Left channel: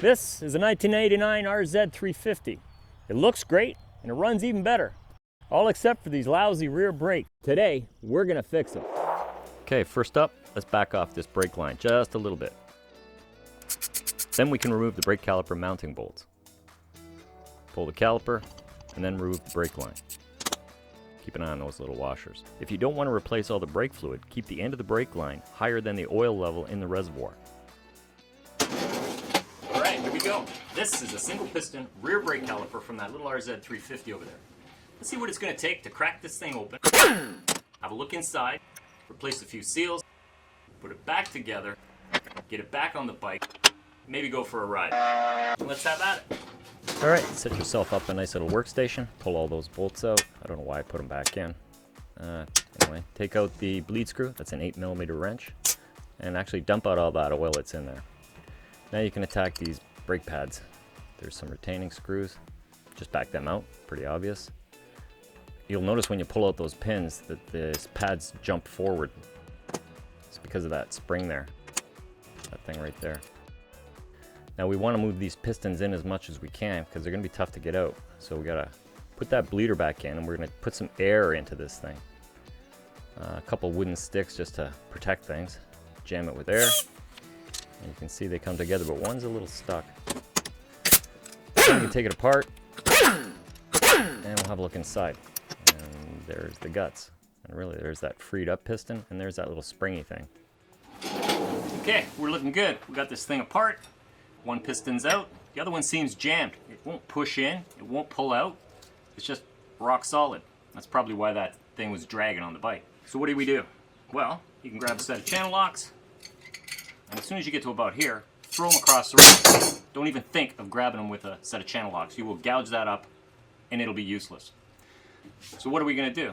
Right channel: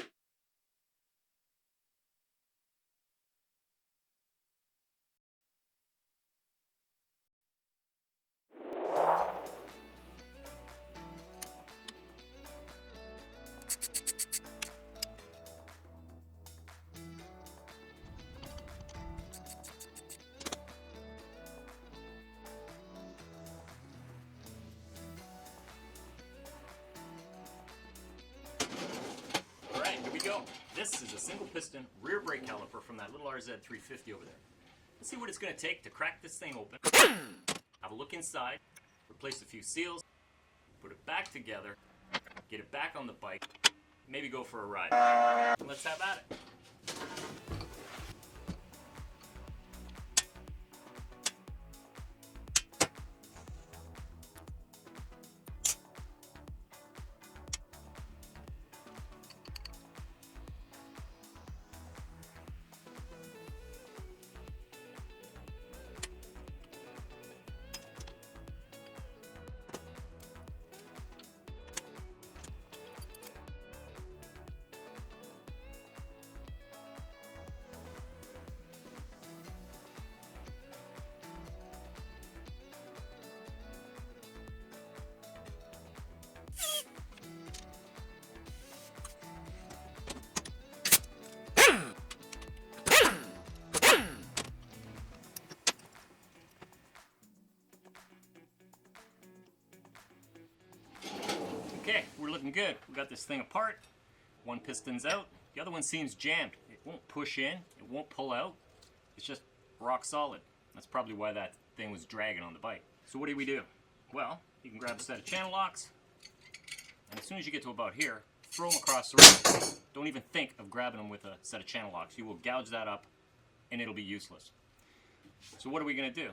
This is a 1989 RZ350. It looks great and it runs even better. All except for these lousy rear brakes. Today, we're gonna fix it. Okay, first up, let's back off this brake line just a little bit. Then we can remove the brake caliper mounting bolts. Pull the caliper and then remove the brake line. Keep an eye on those little washers. If you don't want to replace all the brake fluid, keep the end of the brake line higher than the oil level in the reservoir. Alright, here we go. This is a single piston rear brake caliper from that little RZ350 over there. Let's see what it's going to take to crack this thing open. Have a look inside, replace a few seals, put it back together, get it back on the bike, maybe go for a ride. Let's have at it. Alright, set yourself up a nice little workstation, pull all those bolts out. I don't know why I put them back in. Anyway, take out the bleed screw, that's an 8mm wrench, and actually dump out all that oil that's in there. Now you can attack these brake pads. There's some retaining screws, just back them out, pretty obvious. You'll notice when you pull out those pins that the pads jump forward. It's because of that spring there, that thing right there. Now we want to move these pistons in as much as we can because they're going to be tough to get out. So we got to put that bleeder back in and we're going to put some air into this thing. A couple wooden sticks just to protect things. Jam it with air. And you can see they come together, but one's a little stuck. So we can take it apart and we'll have a look inside. And there's the guts. And really there's that freed up piston and there's that little springy thing. Okay, we're looking good. We got this thing apart. One piston's out, the other one seems jammed. It won't push in, it won't pull out. It's just rock solid. That's probably why that thing was dragging on the bike. So what do? Well, you can grab a set of channel locks, and as soon as you get to about here, throw them across the road. Don't even think of grabbing them with a set of channel locks. You will gouge that up, and it'll be useless. So what are we gonna do?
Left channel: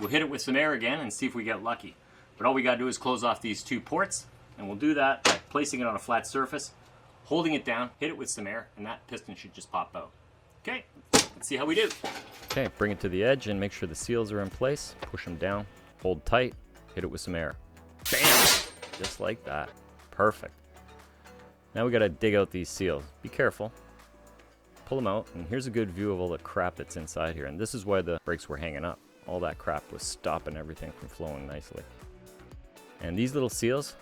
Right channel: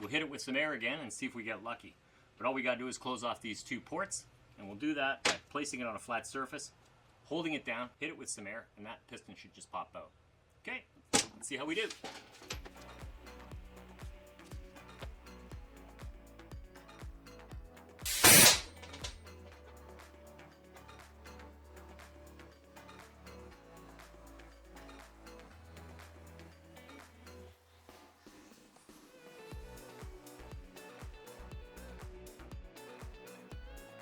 We'll hit it with some air again and see if we get lucky. But all we gotta do is close off these two ports, and we'll do that by placing it on a flat surface, holding it down, hit it with some air, and that piston should just pop out. Okay, let's see how we do. Okay, bring it to the edge and make sure the seals are in place. Push them down, hold tight, hit it with some air. Bam! Just like that. Perfect. Now we gotta dig out these seals. Be careful. Pull them out, and here's a good view of all the crap that's inside here. And this is why the brakes were hanging up. All that crap was stopping everything from flowing nicely. And these little seals,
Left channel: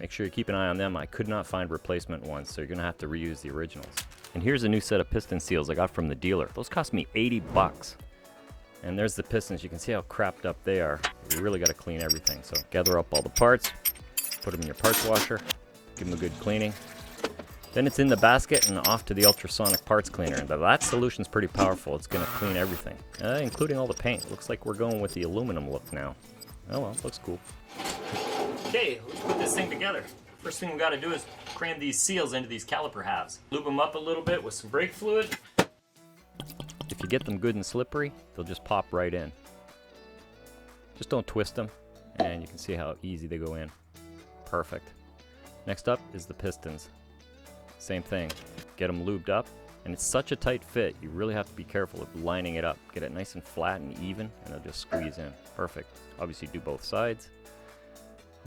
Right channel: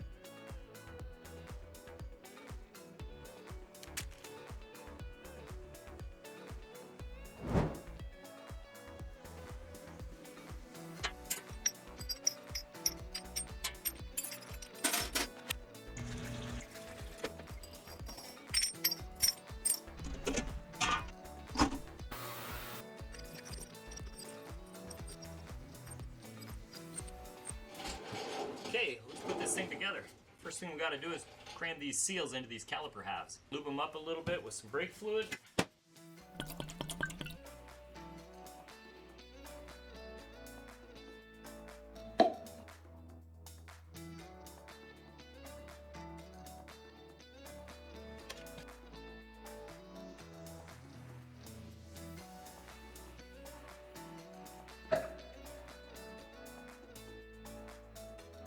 make sure you keep an eye on them. I could not find replacement ones, so you're gonna have to reuse the originals. And here's a new set of piston seals I got from the dealer. Those cost me 80 bucks. And there's the pistons. You can see how crapped up they are. You really gotta clean everything. So gather up all the parts, put them in your parts washer, give them a good cleaning. Then it's in the basket and off to the ultrasonic parts cleaner. Now that solution's pretty powerful. It's gonna clean everything, including all the paint. Looks like we're going with the aluminum look now. Oh well, looks cool. Okay, let's put this thing together. First thing we gotta do is cram these seals into these caliper halves. Lube them up a little bit with some brake fluid. If you get them good and slippery, they'll just pop right in. Just don't twist them, and you can see how easy they go in. Perfect. Next up is the pistons. Same thing. Get them lubed up, and it's such a tight fit, you really have to be careful of lining it up. Get it nice and flat and even, and they'll just squeeze in. Perfect. Obviously do both sides.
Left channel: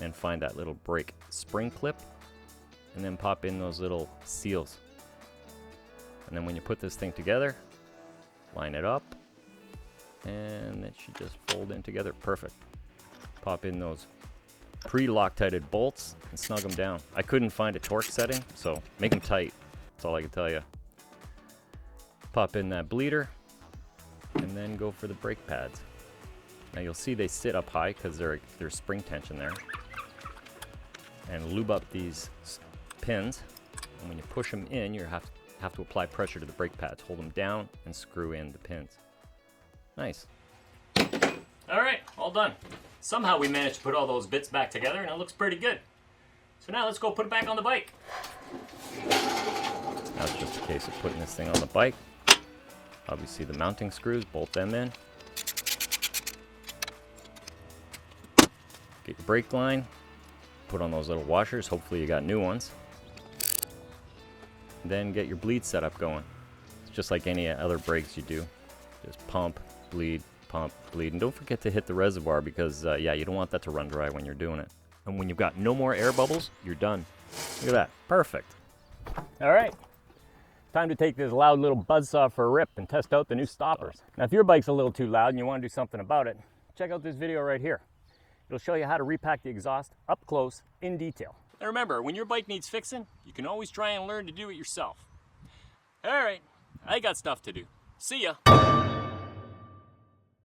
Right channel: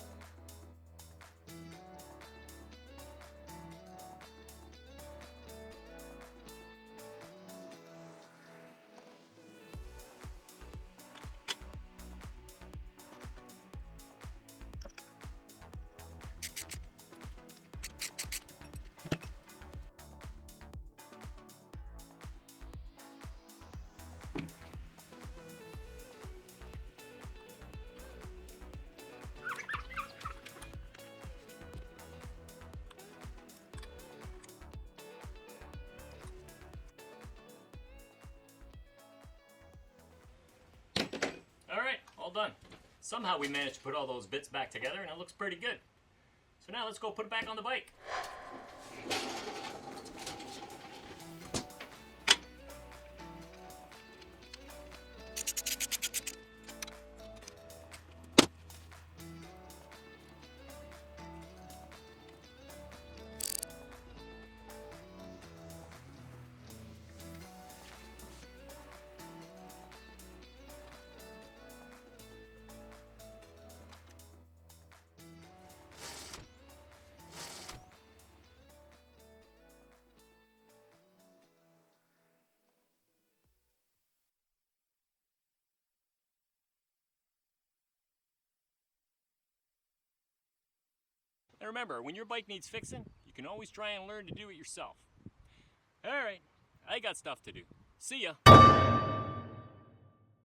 And find that little brake spring clip and then pop in those little seals. And then when you put this thing together, line it up and it should just fold in together. Perfect. Pop in those pre-Loctited bolts and snug them down. I couldn't find a torque setting, so make them tight. That's all I can tell you. Pop in that bleeder and then go for the brake pads. Now you'll see they sit up high because there's spring tension there. And lube up these pins. And when you push them in, you have to apply pressure to the brake pads. Hold them down and screw in the pins. Nice. All right, all done. Somehow we managed to put all those bits back together and it looks pretty good. So now let's go put it back on the bike. Now it's just a case of putting this thing on the bike. Obviously the mounting screws, bolt them in. Get your brake line, put on those little washers, hopefully you got new ones. Then get your bleed setup going. It's just like any other brakes you do. Just pump, bleed, and don't forget to hit the reservoir because yeah, you don't want that to run dry when you're doing it. And when you've got no more air bubbles, you're done. Look at that, perfect. All right, Time to take this loud little buzzsaw for a rip and test out the new stoppers. Now, if your bike's a little too loud and you want to do something about it, check out this video right here. It'll show you how to repack the exhaust up close in detail. Now remember, when your bike needs fixing, you can always try and learn to do it yourself. All right, I got stuff to do. See ya.